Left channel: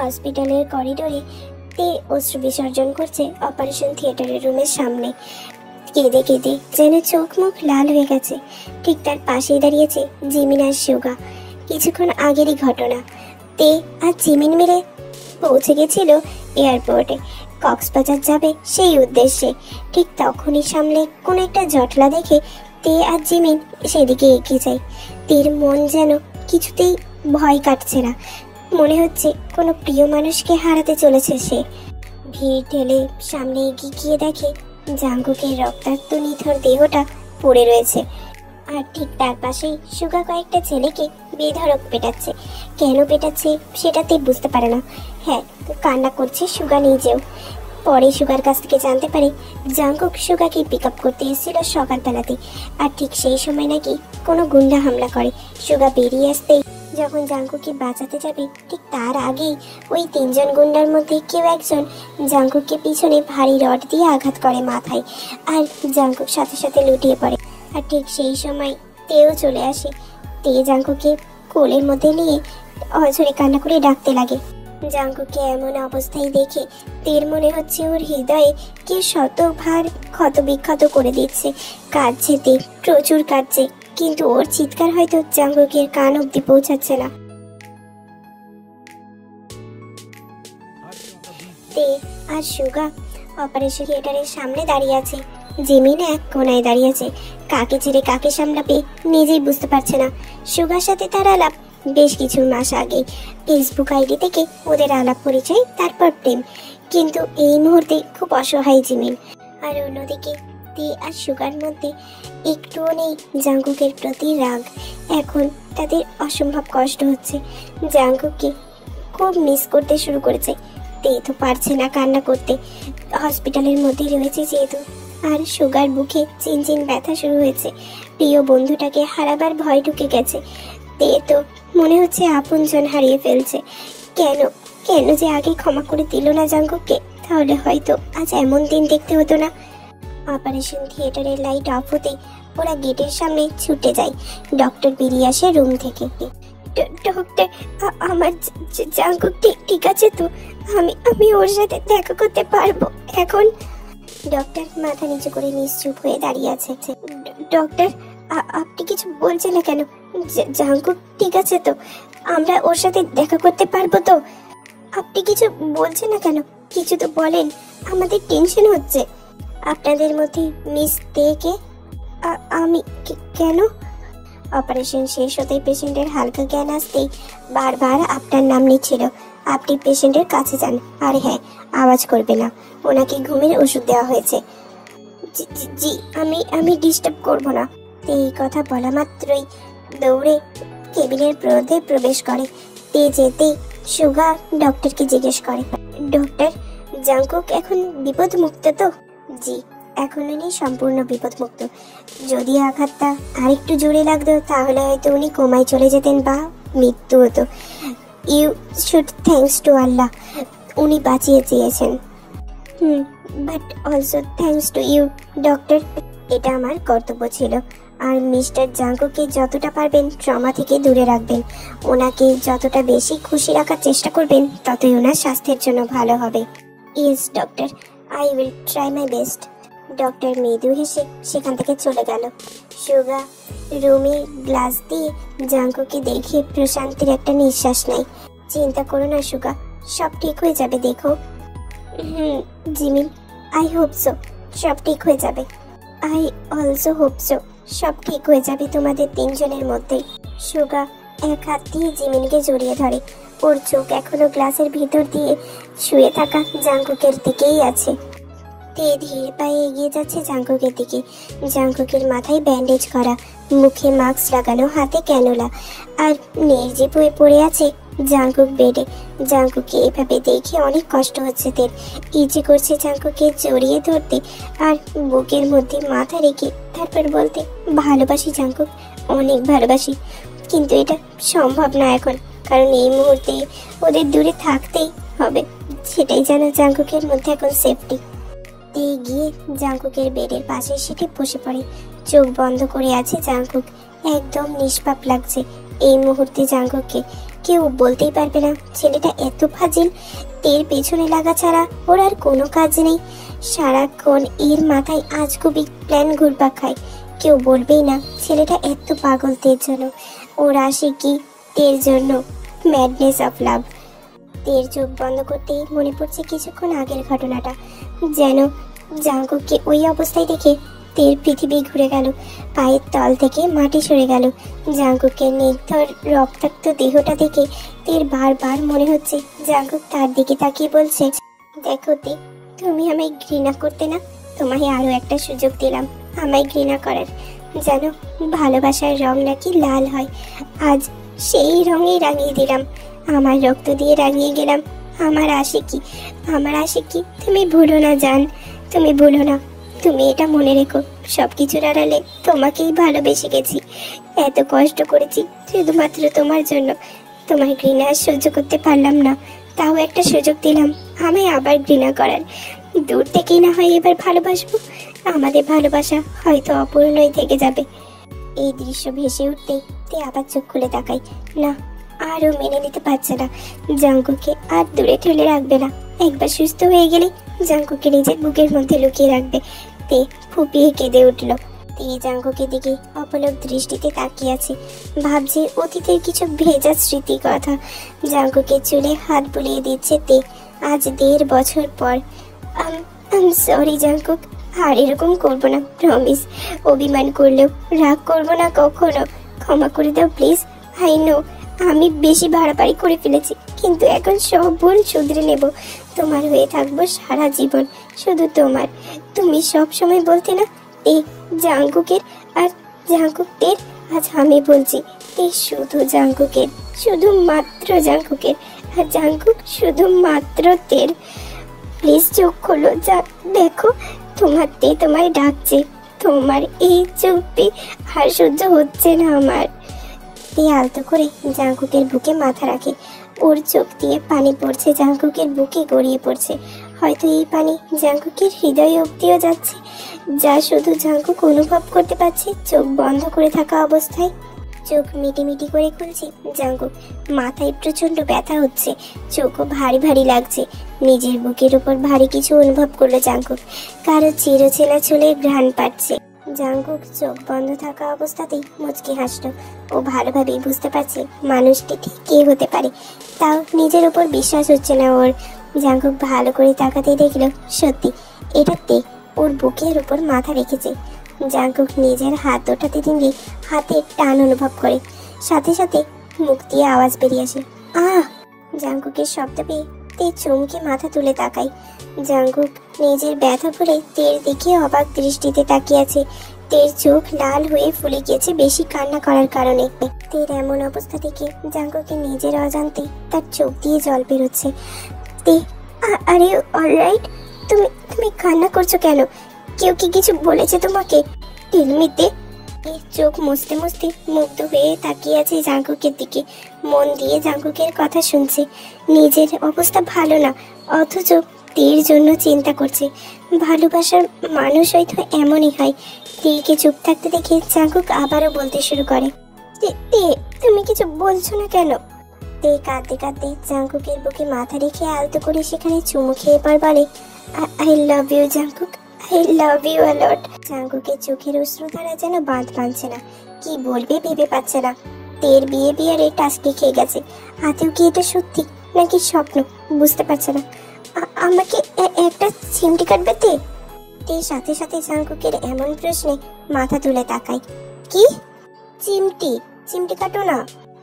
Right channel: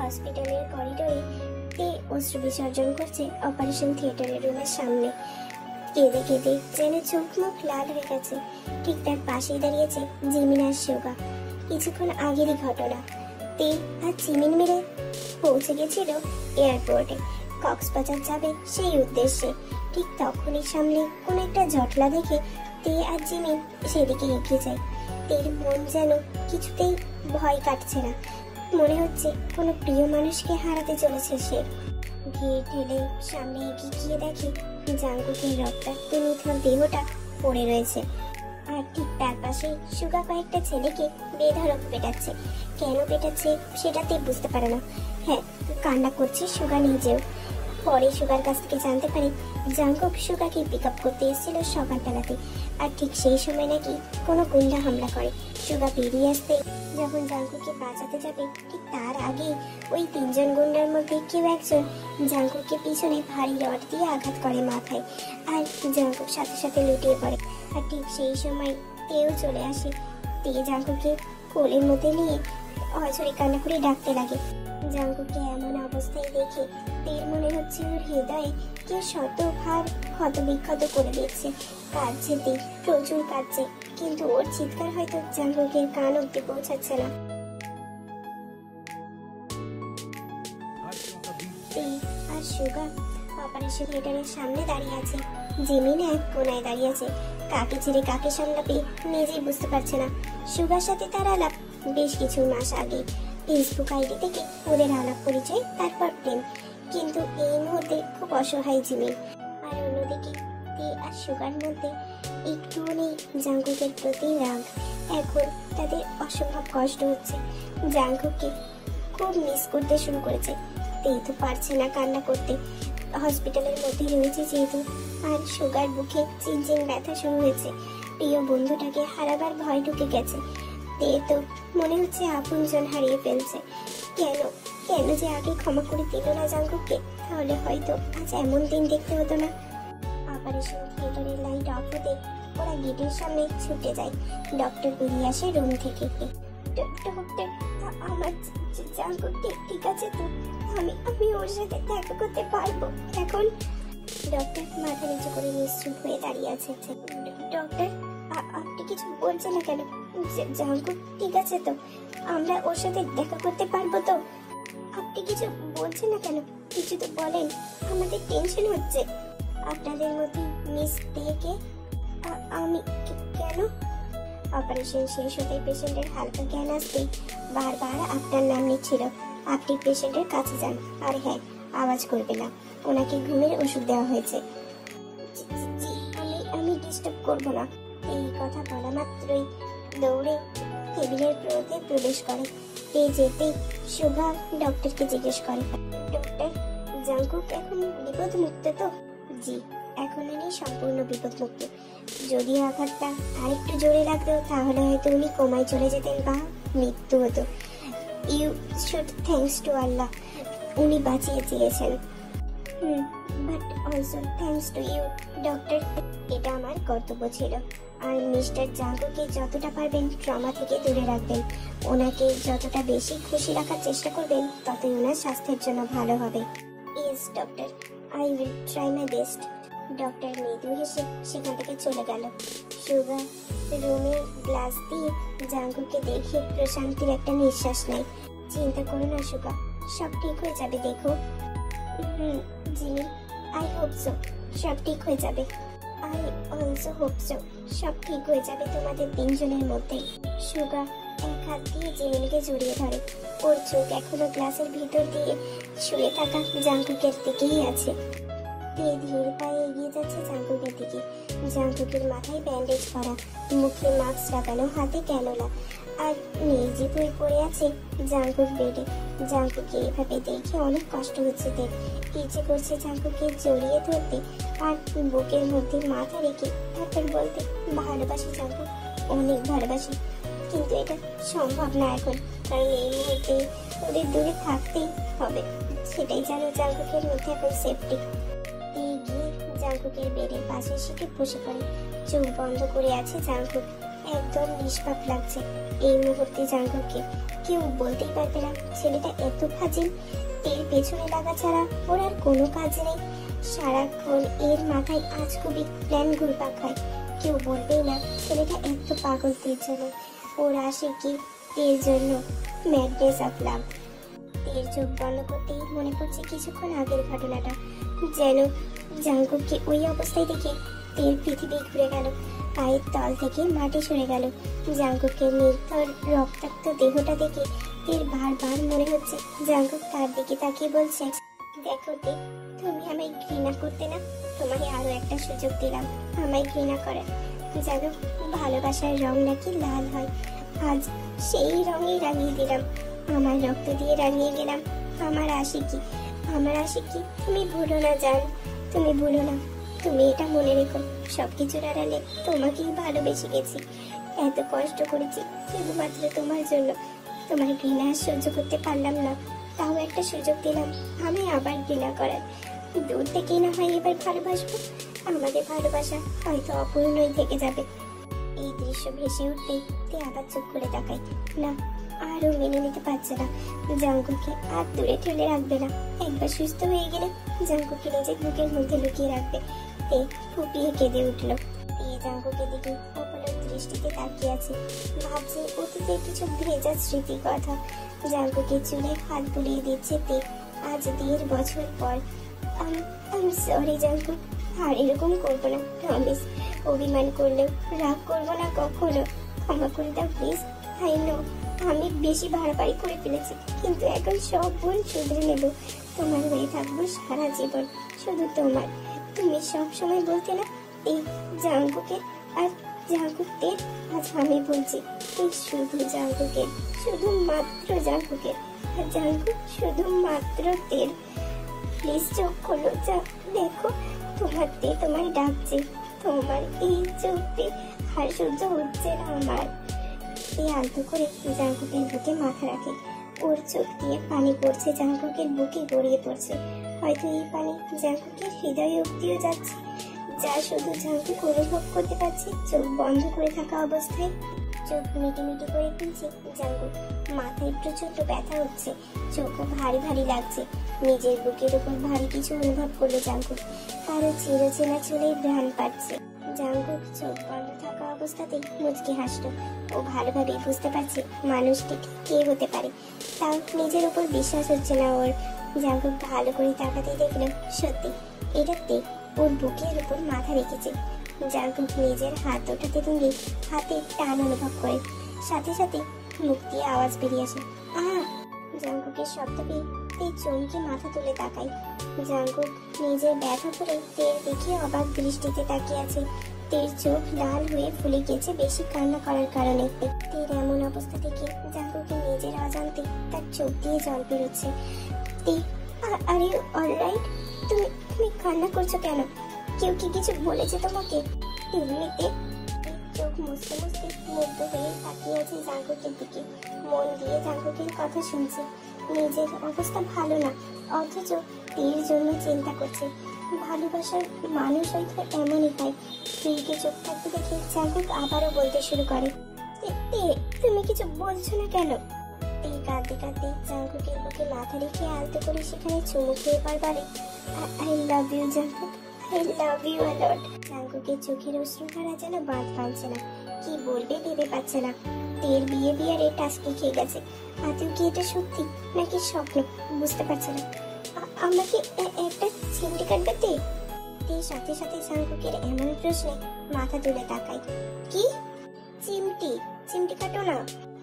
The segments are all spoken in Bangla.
হসপিটালের করিডোরে তে অশ্রু বিসর্জন করছে অপারেশন থিয়েটারের রুমের সামনে। কেঁদে কেঁদে যেন চোখ মুখ লাল হয়ে গেছে। ঠিক তার পাশেই দাঁড়িয়েছে জিমিন আর সুগা। কিছুক্ষণ আগেরই ঘটনা। তে আর জিমিন মিলে পৌঁছে গেছিল এয়ারপোর্টে, কক্সবাজার যাবে সেই উদ্দেশ্যে। ঠিক তখনই সামনে কোনো একটা জটলা দেখে তে আর জিমিন সেদিকে এগিয়ে যায়। তের মন যেন কিছুতেই ভয় কাটছে না। মনে হচ্ছে কোনো প্রিয় মানুষকে হারাতে চলেছে সে। ভিড় ঠেলে সামনে এগিয়ে গিয়ে দেখে জাঙ্কুকের রক্তাক্ত নিথর দেহটা পড়ে রয়েছে। আর ঠিক তার পাশেই সুগা কয়েকটা ছেলেকে বেধড়ক পেটাচ্ছে। কেন পেটাচ্ছে সেটাতে বুঝতে পারে না। হ্যাঁ, কান্না করছে সুগা নিজেও। পরে সুগার কাছ থেকে জানতে পারে জাঙ্কুক সুগাকে পিক আপ করতে এসেছিল সকালবেলাতে। আর ঠিক সেই সময় নাকি কোনো গুন্ডা হামলা করে। সুগা বেরিয়ে আসতেই যখন জাঙ্কুককে বাঁচাতে যাবে ঠিক তার আগেই ওই তিনজন গুন্ডার মধ্যে কেউ একজন জাঙ্কুককে পিছনে ভারী রড দিয়ে আঘাত করে মাথায়। আর জাঙ্কুক সাথে সাথে লুটিয়ে পড়ে। আর ঠিক সেই সময় তেও চলে আসে। তে জাঙ্কুককে কোলের মধ্যে নিয়ে অঝরে কান্না করে ডাকতে লাগে। জাঙ্কুককে এমন অবস্থায় দেখে তের মনে হচ্ছে ওর হৃদয়ে কি শতভার ক্ষত বিক্ষত করে দিচ্ছে। কাঁদছে তে, প্রচুর কাঁদছে, কিন্তু ওর চিৎকার হয়তো জাঙ্কুকের কান অব্দি পৌঁছাচ্ছে না। তে আর সুগা অপারেশন থিয়েটারের সামনে দাঁড়িয়ে আছে। জিমিন এক কোনায় দাঁড়িয়ে আছে। কাকে ছেড়ে কাকে সামলাবে নিজেই বুঝতে পারছে না। সুগার সাথে তার আলাপ বেশ কিছু মাস আগে। ফেসবুক আইডি থেকে ওদের আলাপ পরিচয়, তারপর প্রেম। কিন্তু এই মুহূর্তে খুব অসহায় জিমিন। আর অন্যদিকে তে আর সুগার মধ্যে একটুও নেই জাঙ্কুকের প্রতি রাগ। এখন তাদের অসম্ভব কষ্ট হচ্ছে। জাঙ্কুককে খুব মিস করতে শুরু করেছে। তে তো পারছে না কান্না করতে, হসপিটালের মধ্যে রয়েছে যেহেতু। আর সুগার বুকে চিনচিন ব্যথা শুরু হয়েছে। প্রিয় বন্ধুটাকে হারাবার ভয় ঢুকে গেছে। তে তো মনে হচ্ছে আপনজন হারিয়ে ফেলছে। কেন কেন যে আগে ক্ষমা করে দিল না জাঙ্কুককে, তাহলে হয়তো আজ এমন দিন দেখতে হতো না। অপারেশন থিয়েটারের লাইট অফ হতেই ওরা গেটের সামনে ছুটে যায়। ডক্টর বেরিয়ে আসে রুম থেকে। ডক্টর, আমার জাঙ্কুক ঠিক আছে তো? আমি ওর সাথে দেখা করতে পারবো এখন? ডক্টর মাথা নিচু করে নিশ্চুপ হয়ে দাঁড়িয়ে আছে। ডক্টর, আপনি কিছু বলছেন না কেন? জাঙ্কুক ঠিক আছে তো? আমরা ওর সাথে দেখা করতে পারবো তো? আপনি কিছু বলছেন না কেন? কিছু তো বলেন, আমাদের টেনশন হচ্ছে। আপনাদের মধ্যে মিস তেকে? আমি কেন? অপারেশন শেষ হতেই পেশেন্টের হালকা জ্ঞান আসতেই বারবার আপনার নাম নিচ্ছিল। আপনি পেশেন্টের কাছে যান। আর হ্যাঁ, আওয়াজ করবে না, ওনাকে ঘুমের ওষুধ দেওয়া হয়েছে। জি, আমি ডিস্টার্ব করব না। এই কথা বলা মাত্রই দৌড়ে কেবিনের মধ্যে প্রবেশ করে। তে যেতে সুগা ডক্টরকে জিজ্ঞেস করে, ডক্টর, জাঙ্কুক এখন বিপদ মুক্ত তো? জি, এখন উনি সম্পূর্ণ বিপদ মুক্ত। যদি আঘাতটা আরেকটু জোরে লাগতো তাহলে হয়তো উনি কোমায় চলে যেতেন বা মৃত্যু হতো। You should thanks to Allah, উনি বাঁচিয়ে চেয়েছেন। But also thanks to you doctor. এটা আমার কর্তব্য ছিল। আর মিস্টার জাঙ্কুকে যতটা পারবেন ট্রমা থেকে দূরে রাখবেন। ওনাকে যতটা বেশি খুশি রাখার চেষ্টা করবেন ততই ওনার স্বাস্থ্যের জন্য ভালো হবে। Yes doctor, I will try my best. Doctor মৃদু হেসে সেখান থেকে চলে গেল। সুগা রুমে গ্লাস দিয়ে জাঙ্কুকে দেখে প্রশান্তির একটা নিঃশ্বাস নেয়। চিন্তা করো না সুগা, সব ঠিক হয়ে যাবে। দেখো। জিমিন, আই হোপ সো সব ঠিক হয়ে যাবে। আই অলসো হোপ সো সব ঠিক হয়ে যাবে তোমাদের তিনজনের মধ্যে। সুগা এক হাত দিয়ে জিমিনকে জড়িয়ে ধরে। ওর চোখ এখনো গ্লাসের ভিতর দিয়ে শুয়ে থাকা জাঙ্কুকের দিকেই আছে। তে ধীর পায়ে এগিয়ে যাচ্ছে জাঙ্কুকের দিকে। জাঙ্কুকের মাথায় ব্যান্ডেজ করা, মুখে মাস্ক লাগানো, হাতে ক্যানোলা। আর নির্জীব হয়ে পড়ে আছে জাঙ্কুক বেডে। জাঙ্কুকে এভাবে দেখে অনেক কষ্ট হচ্ছে তের। ইচ্ছে করছে জাঙ্কুকে জড়িয়ে ধরতে আর বুকের মধ্যে মাথা রেখে তারপর বলতে, ভালোবাসি জাঙ্কুক, অনেক ভালোবাসি। কিন্তু এটা সম্ভব না এখন, কারণ এই মুহূর্তে ওদের দূরে থাকতেই হবে। সেটাই যেন জাঙ্কুকের মধ্যে এখন সেফটি। গিয়ে জাঙ্কুকের বেডের পাশে সিটে বসে পড়ে। চোখ বন্ধ করে আছে জাঙ্কুক। একদম নিষ্পাপ লাগছে এই মুহূর্তে জাঙ্কুককে। কেউ বলতেই পারবে না ছেলেটা এত ফাজিল। এর পেছনে লাগা ছাড়া ওর আর কোনো কাজ নেই। সারাক্ষণ এর মাথায় আজগুবি প্ল্যান ঘুরপাক খায়। কেউ বলবেই না ছেলেটা এত পাগল তের জন্য। ওর আসে কি তের জন্য, ম্যাডনেস অফ লাভ। তের চোখ বন্ধ করতেই মনে পড়ছে কিছুক্ষণ আগের ঘটনাটা। যেন জাঙ্কুককে ওই অবস্থায় দেখে তের পৃথিবী ঘুরে গেল, পায়ের তল থেকে মাটি সরে গেল। জাঙ্কুকের নির্ধর রক্তাক্ত দেহটা দেখে তের বারবার মনে হচ্ছে জাঙ্কুক তার দিকে তাকিয়ে বলছে, দেখো তে, তুমি আমায় ঘৃণা করতে না, তোমায় আরো একটা সুযোগ দিলাম আমায় ঘৃণা করার। জানো ভালোবাসার রং নাকি লাল হয়, আজ সেই রঙেই রাঙিয়ে দিলাম। আমার রক্ত দিয়ে রাঙিয়ে গেলাম আমার আশিকি। আমার আশিকি তুমি ভুলো না জান, তুমি ভুলো না। তুমি এটা মনে রেখো, সবকিছুর আড়ালে তোমাকেই ভালোবেসে গেছি। এত কষ্ট করেছি শুধুমাত্র তোমার জন্য। তোমার ঘৃণা সহ্য করতে পারলাম না, তাও একটা সুযোগ দিলাম আমি আবার ঘৃণা করার। দূর থেকেই না হয় এবার ভালোবাসবো, আমাদের ভালোবাসা হয়তো অপূর্ণই থেকে যাবে। এই দৃশ্য ভেসে উঠতে তে আবার চোখ খুলে তাকাই। না, আরও মেনে নিতে পারছে না। জাঙ্কুকে আর দূরে ঠেলে রাখবে না। একবার সুস্থ হয়ে গেলে জাঙ্কুকে নিজের বুকের মধ্যে লুকিয়ে রাখবে। তে ফুপিয়ে কেঁদে উঠল। তে জাঙ্কুকের দিকে অপলক দৃষ্টিতে তাকিয়ে আছে, ভাবছে অতীতের কিছু ভেজা স্মৃতির কথা। জাঙ্কুকের চুলে হাত বুলিয়ে দিচ্ছে তে। আজ 1.5 বছর পর। সরি জাঙ্কুক, আর এরকম করবো না, প্রমিস। অভিমান করলেও রাগ করবো না কখনো। ক্ষমা করে দাও প্লিজ। আই নো আমি বেশি বাড়াবাড়ি করে ফেলেছি, কিন্তু এখন সব ভুল শুধরে নেব। তোমার হয়ে থাকবো সারা জীবন, শুধু তোমার। তুমি সব সময় বলতে না এই জাঙ্কুকের আর জাঙ্কুকদের, আজ আমি বলছি এই শুধু জাঙ্কুকের, শুধুমাত্র জাঙ্কুকের। আর জাঙ্কুক শুধুমাত্র তের। প্লিজ চোখ খোলো, যা দেখো তোমার তে তোমায় ডাকছে। তোমার এই চুপি আর সহ্য হচ্ছে না আমার। তে আলতো করে জাঙ্কুকের বুকে মাথা রাখে। ওর চোখ দিয়ে পানি পড়ছে, জাঙ্কুকের বুকে গড়িয়ে পড়ছে। হয়তো এই পানি জাঙ্কুকের হৃদয় অব্দিও যাচ্ছে, যা শুধু জাঙ্কুক অনুভব করতে পারছে চোখ বন্ধ করে থাকা অবস্থায়। চোখ মিটি মিটি করে খুলছে জাঙ্কুক। মাথায় প্রচন্ড ব্যথা হচ্ছে, চোখও ভারী ভারী লাগছে। নিজের বুকের উপর ভারী কিছু অনুভব করলো জাঙ্কুক। কারো চিরচেনা চুলের ঘ্রাণ পাচ্ছে। জাঙ্কুক চোখ বন্ধ থাকা অবস্থাতেই মুচকি হাসলো। ও ভালোভাবেই বুঝতে পারছে মানুষটি ঠিক কে হতে পারে, তাও নিজের উপর বিশ্বাস হচ্ছে না ওর। জাঙ্কুক ভালো করে তাকাতে দেখলো সত্যি এটা তে ওর বুকের উপর মাথা রেখেছে। জাঙ্কুক নিজের হাত ওঠাতে দিনই হাতের টান অনুভব করে, সাথে সাথে মুখ দিয়ে আওয়াজ বেরিয়ে আসে, আহ! জাঙ্কুকের শব্দ পেয়ে তে চমকে মাথা তুলে তাকায়। জাঙ্কুক নিজের ব্যথা ভরে তের দিকে অবাক দৃষ্টিতে তাকিয়ে আছে। তের চোখ লাল হয়ে ফুলে গিয়েছে বেশি কান্না করার কারণে। তের এমন অবস্থা দেখে জাঙ্কুকের নিজের অজান্তে তার চোখ দিয়ে জল বেরোচ্ছে। তে, আরে অলরাইট? তুমি তুমি কান্না করছো কেন? কেউ কি কিছু বলেছে তোমাকে? টেলমিতে। চোখ মুছতে মুছতে মুগ্ধ হয়ে তাকিয়ে আছে জাঙ্কুকের দিকে, মন দিয়ে জাঙ্কুকের কথা শুনছে। নিজের অবস্থা ভালো না, অথচ তের জন্য চিন্তা করছে। ভালোবাসার মানুষ হয়তো এমনই হয়। তেকে চুপ থাকতে দেখে জাঙ্কুক আবারও বলতে শুরু করে, তে তুমি কিছু বলছো না কেন? তে কাঁদতে কাঁদতে জাঙ্কুকের বুকে মাথা রেখে আলতো করে সেখানে চুমু খেয়ে পর বলে, I love you Jungkook, I love you a lot. জাঙ্কুকের চোখের অশ্রুধারা যেন বাঁধ ভাঙছে না, কি বলবে ভেবে পাচ্ছে না। তের বিয়ের টাস্কি খেয়ে গেছে। আতেও কি এটা সত্যি নাকি স্বপ্ন বুঝতে পারছে না। আমাকে একটা চিমটি কাটবে তে? তের সাথে সাথে জাঙ্কুকের এমন প্রশ্নে মাথা তুলে তাকায়। কি চিমটি? চিমটি কাটো না।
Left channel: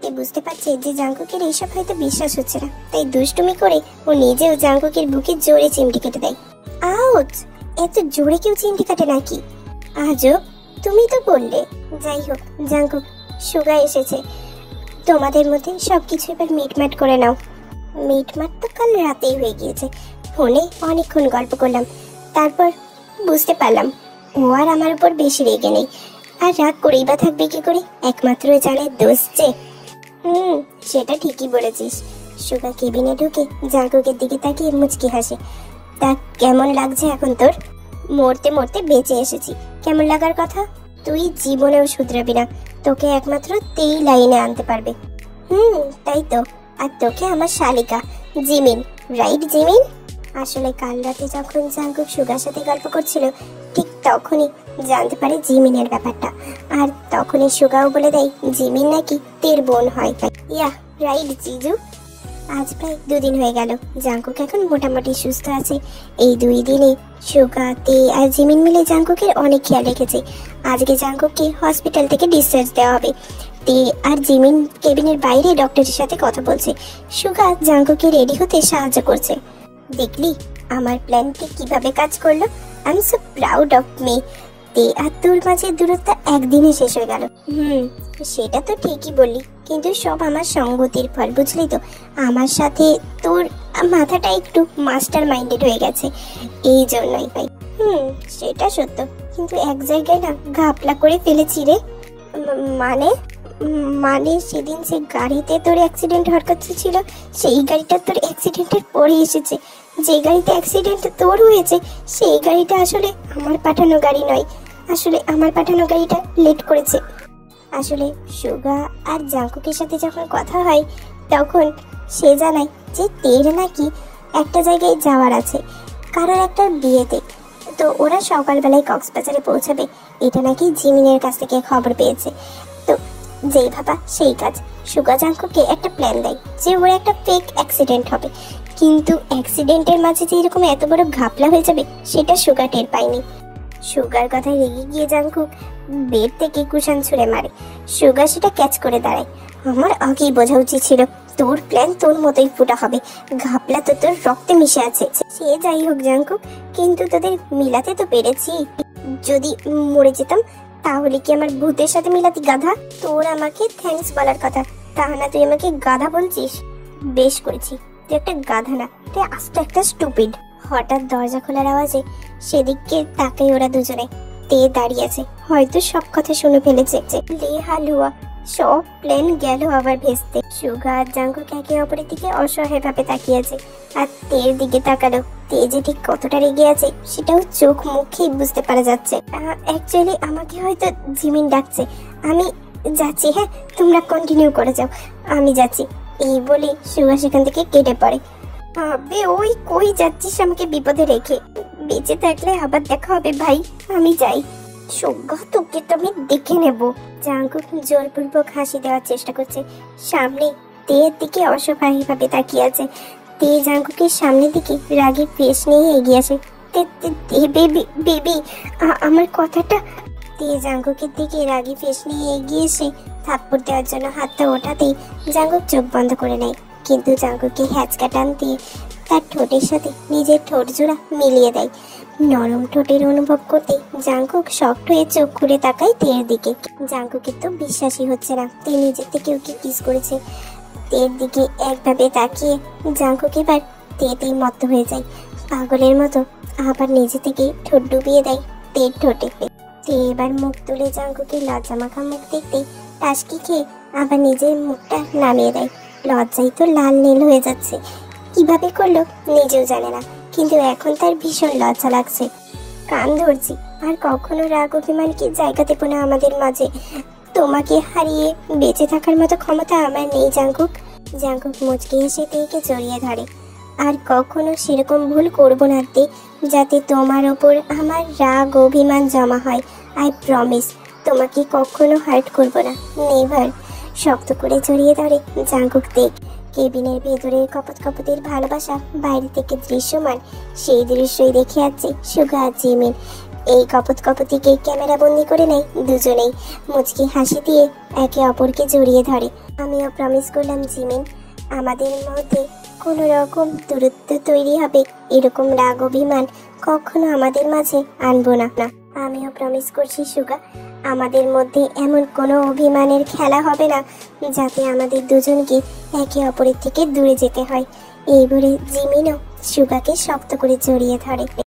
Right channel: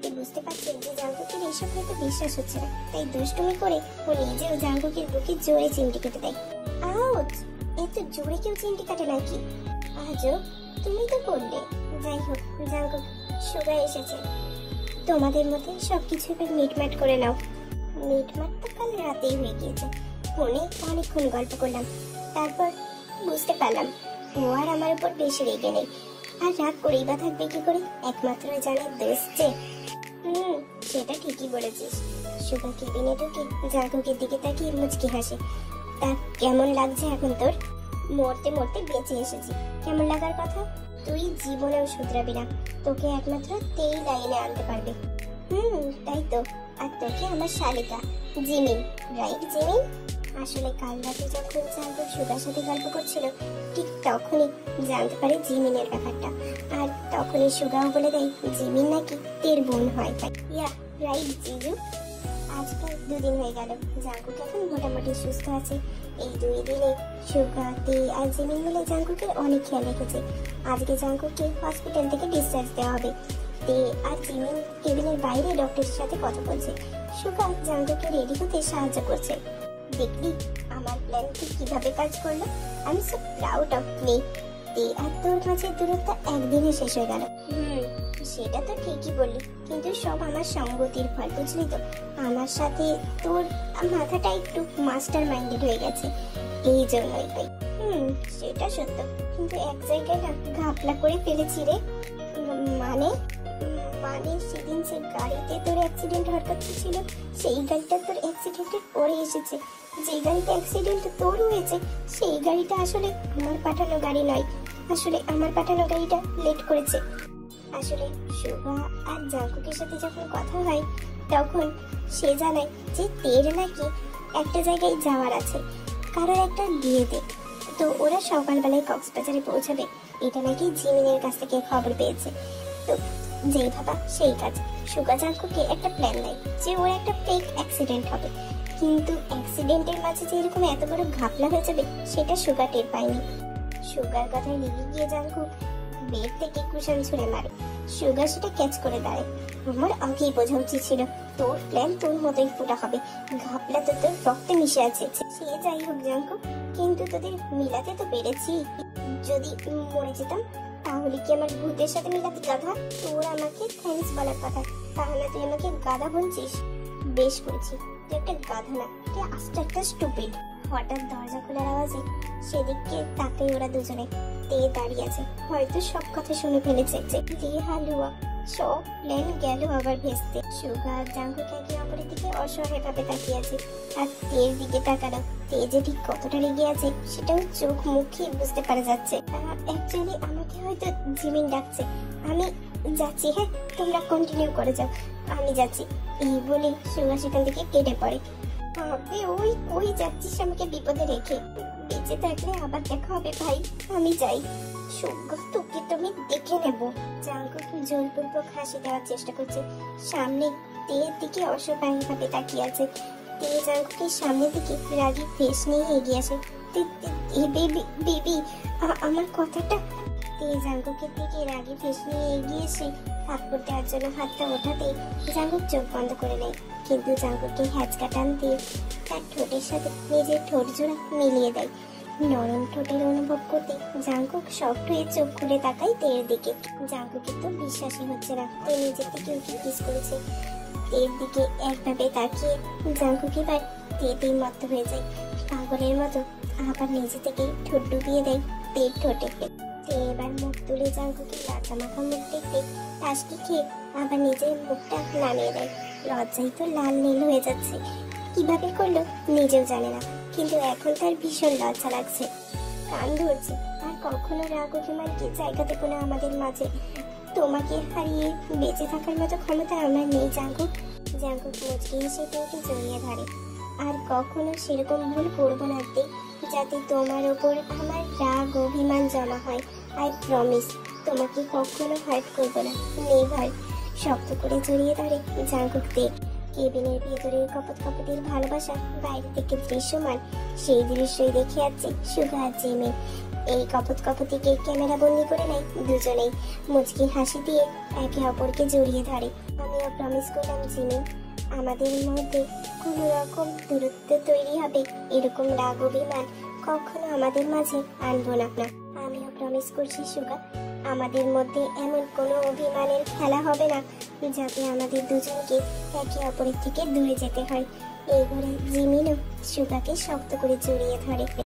তে বুঝতে পারছে যে জাঙ্কুকের এইসব হয়তো বিশ্বাস হচ্ছে না, তাই দুষ্টুমি করে ও নিজেও জাঙ্কুকের বুকে জোরে চিমটি কেটে দেয়। আউচ! এত জোরে কেউ চিমটি কাটে নাকি? আজব, তুমি তো বললে। যাই হোক জাঙ্কুক, সুগা এসেছে, তোমাদের মধ্যে সবকিছু এবার মিটমাট করে নাও। মিটমাট তো কাল রাতেই হয়ে গিয়েছে, ফোনে অনেকক্ষণ গল্প করলাম, তারপর বুঝতে পারলাম ও আর আমার উপর বেশি রেগে নেই। আর রাগ করেই বা থাকবে কি করে, একমাত্র জানে দোষ যে। সেটা ঠিকই বলেছিস। সুগা কেবিনে ঢুকে জাঙ্কুকের দিকে তাকিয়ে মুচকি হাসে। তা কেমন লাগছে এখন তোর? মরতে মরতে বেঁচে এসেছি, কেমন লাগার কথা? তুই জীবনেও শুধরাবি না, তোকে একমাত্র তেই লাইনে আনতে পারবে। তাই তো। আর তোকে আমার শালিকা জিমিন, রাইট জিমিন? আসলে কাল রাতে যখন জাঙ্কুক সুগার সাথে গল্প করছিল ঠিক তখনই জানতে পারে জিমিনের ব্যাপারটা। আর তখনই সুগাও বলে দেয় জিমিন নাকি তের বোন হয়। ইয়া রাইট জিজু। আজ প্রায় 2 দিন হয়ে গেল, জাঙ্কুক এখন মোটামুটি সুস্থ আছে। এই 2 দিনে সুগা, তে আর জিমিন মিলে জাঙ্কুকের অনেক খেয়াল রেখেছে। আজকে জাঙ্কুককে হসপিটাল থেকে ডিসচার্জ দেওয়া হবে। তে আর জিমিন কেবিনের বাইরে ডক্টরের সাথে কথা বলছে। সুগা জাঙ্কুককে রেডি হতে সাহায্য করছে। দেখলি আমার প্ল্যানটি কিভাবে কাজ করলো? I am so proud of me. তে আর তোর মাঝে দূরত্ব একদিনে শেষ হয়ে গেল। সেটা তো ঠিকই বললি, কিন্তু সব আমার সঙ্গতির ফল, বুঝলি তো। আমার সাথে তোর মাথাটা একটু মাস্টার মাইন্ডেড হয়ে গেছে, এই জন্যই ভাই। সেটা সত্য, কিন্তু এক জায়গায় না ঘাপলা করে ফেলেছি রে। মানে মানে সেদিন যে গাড়িতে তোর অ্যাক্সিডেন্ট হওয়ার কথা ছিল, সেই গাড়িটা তোর অ্যাক্সিডেন্টের পরে এসেছে। যে গাড়িতে অ্যাক্সিডেন্ট তোর হয়েছে সেই গাড়িটা আসলে আমার পাঠানো গাড়ি নয়। আসলে আমার পাঠানো গাড়িটা লেট করেছে। আসলে সুগা আর জাঙ্কুকের সাথে যখন কথা হয় তখন সে জানায় যে তের নাকি একটা জায়গায় যাওয়ার আছে, কারোর একটা বিয়েতে। তো ওরা সকালবেলায় কক্সবাজারে পৌঁছাবে, এটা নাকি জিমিনের কাছ থেকে খবর পেয়েছে। তো যেই ভাবা সেই কাজ। সুগা জাঙ্কুককে একটা প্ল্যান দেয় যে ওর একটা ফেক অ্যাক্সিডেন্ট হবে, কিন্তু অ্যাক্সিডেন্টের মাঝে যে এরকম এত বড় ঘাপলা হয়ে যাবে সেটা সুগা টের পায়নি। সুগার কথায় রেগে গিয়ে জাঙ্কুক বেড থেকে কুশান ছুঁড়ে মারে। সুগা সেটা ক্যাচ করে দাঁড়ায়। আমার আগেই বোঝা উচিত ছিল তোর প্ল্যান তোর মতোই ফুটা হবে, ঘাপলা তো তোর রক্তে মিশে আছে। সে যাই হোক জাঙ্কুক, কিন্তু তোদের মিলাতে তো পেরেছি। যদি মরে যেতাম তাহলে কি আমার ভূতের সাথে মিলাতি, গাধা? তোর আমাকে থ্যাঙ্কস বলার কথা, তা না তুই আমাকে গাধা বলছিস। বেশ করেছি, তুই একটা গাধা না, তুই আস্ত একটা স্টুপিড। হঠাৎ দরজা খোলার আওয়াজে সেদিকে তাকাই ওরা দুজনে। তে দাঁড়িয়ে আছে, হয়তো সব কথা শুনে ফেলেছে। লে হালুয়া, সব প্ল্যান গেল আবার ভেস্তে। সুগা আর জাঙ্কুক একে অপরের দিকে অসহায় ভাবে তাকিয়েছে। আর তের দিকে তাকালো। তে যে ঠিক কতটা রেগে আছে সেটাও চোখ মুখেই বুঝতে পারা যাচ্ছে। অ্যাকচুয়ালি আমাকে হয়তো জিমিন ডাকছে, আমি যাচ্ছি। হ্যাঁ, তোমরা কন্টিনিউ করে যাও, আমি যাচ্ছি। এই বলে সুগা সেখান থেকে কেটে পড়ে। আবে ওই কই যাচ্ছিস আমাকে বিপদে রেখে? বেঁচে থাকলে আবার দেখা হবে ভাই, আমি যাই। সুগা তোকে তো আমি দেখে নেব। জাঙ্কুক জোরপূর্বক হাসি দেওয়ার চেষ্টা করছে। সামনে তের দিকে অসহায় ভাবে তাকিয়ে আছে। তে জাঙ্কুকের সামনের দিকে রাগী ফেস নিয়ে এগিয়ে আসে। বেবি আমার কথাটা। তে জাঙ্কুকের দিকে রাগী ফেস নিয়ে এগিয়ে এসে থাপ্পড় দেওয়ার জন্য হাতটা ওঠাতেই জাঙ্কুক চোখ বন্ধ করে নেয়। কিন্তু জাঙ্কুককে হ্যাচকা টান দিয়ে তার ঠোঁটের সাথে নিজের ঠোঁট জোড়া মিলিয়ে দেয়। নরম ঠোঁটের অনুভব করতে জাঙ্কুক শক্ট হয়ে চোখ ঘুরে তাকায় তের দিকে। জাঙ্কুকের তো বিশ্বাসই হচ্ছে না তে নিজের থেকে ওকে কিস করেছে। তের দিকে একভাবে তাকিয়ে জাঙ্কুক এবার তেতেই মত্ত হয়ে যায়। পাগলের মতো আবার নিজে থেকে ঠোঁট ডুবিয়ে দেয় তের ঠোঁটে। তে এবার মুখ তুলে জাঙ্কুকের লজ্জা মাখা মুখ দেখতে টাসকি খেয়ে আবার নিজের মুখটা নামিয়ে দেয়। লজ্জায় তো লাল নীল হয়ে যাচ্ছে, কিভাবে করলো নিজেও জানে না, কিন্তু এখন তার ভীষণ লজ্জা লাগছে। কান ধরছি, আর কখনো রাগ অভিমানকে জায়গা দেবো না আমাদের মাঝে। তোমাকে হারিয়ে বেঁচে থাকার মতো ক্ষমতা আমার নেই জাঙ্কুক। জাঙ্কুক মুচকি এসে তেকে জড়িয়ে ধরে। আর কখনো সেরকম ভুল করবো না তে, যাতে তোমার ওপর আমার রাগ অভিমান জমা হয়। আই প্রমিস তোমাকে কখনো হার্ট করবো না, নেভার। শক্ত করে জড়িয়ে ধরে জাঙ্কুক দেখ। কেবিনের ভেতরের কপতের ভালোবাসা বাইরে থেকে দৃশ্যমান, সেই দৃশ্যই দেখে আছে সুগা আর জিমিন। এই কপতিকে ক্যামেরা বন্দি করে নেয় দুজনেই। মুচকি হাসি দিয়ে একে অপরকে জড়িয়ে ধরে। আমিও প্রমিস করলাম জিমিন, আমাদের মধ্যে কোনো রকম দূরত্ব তৈরি হবে এরকম রাগ অভিমান কখনো আমাদের মাঝে আনবো না। আমিও প্রমিস করছি সুগা, আমাদের মধ্যে এমন কোনো অভিমানের খেলা হবে না যাতে আমাদের দুজনকে একে অপরের থেকে দূরে যেতে হয়। এই বলে জিমিনও সুগাকে শক্ত করে জড়িয়ে ধরে।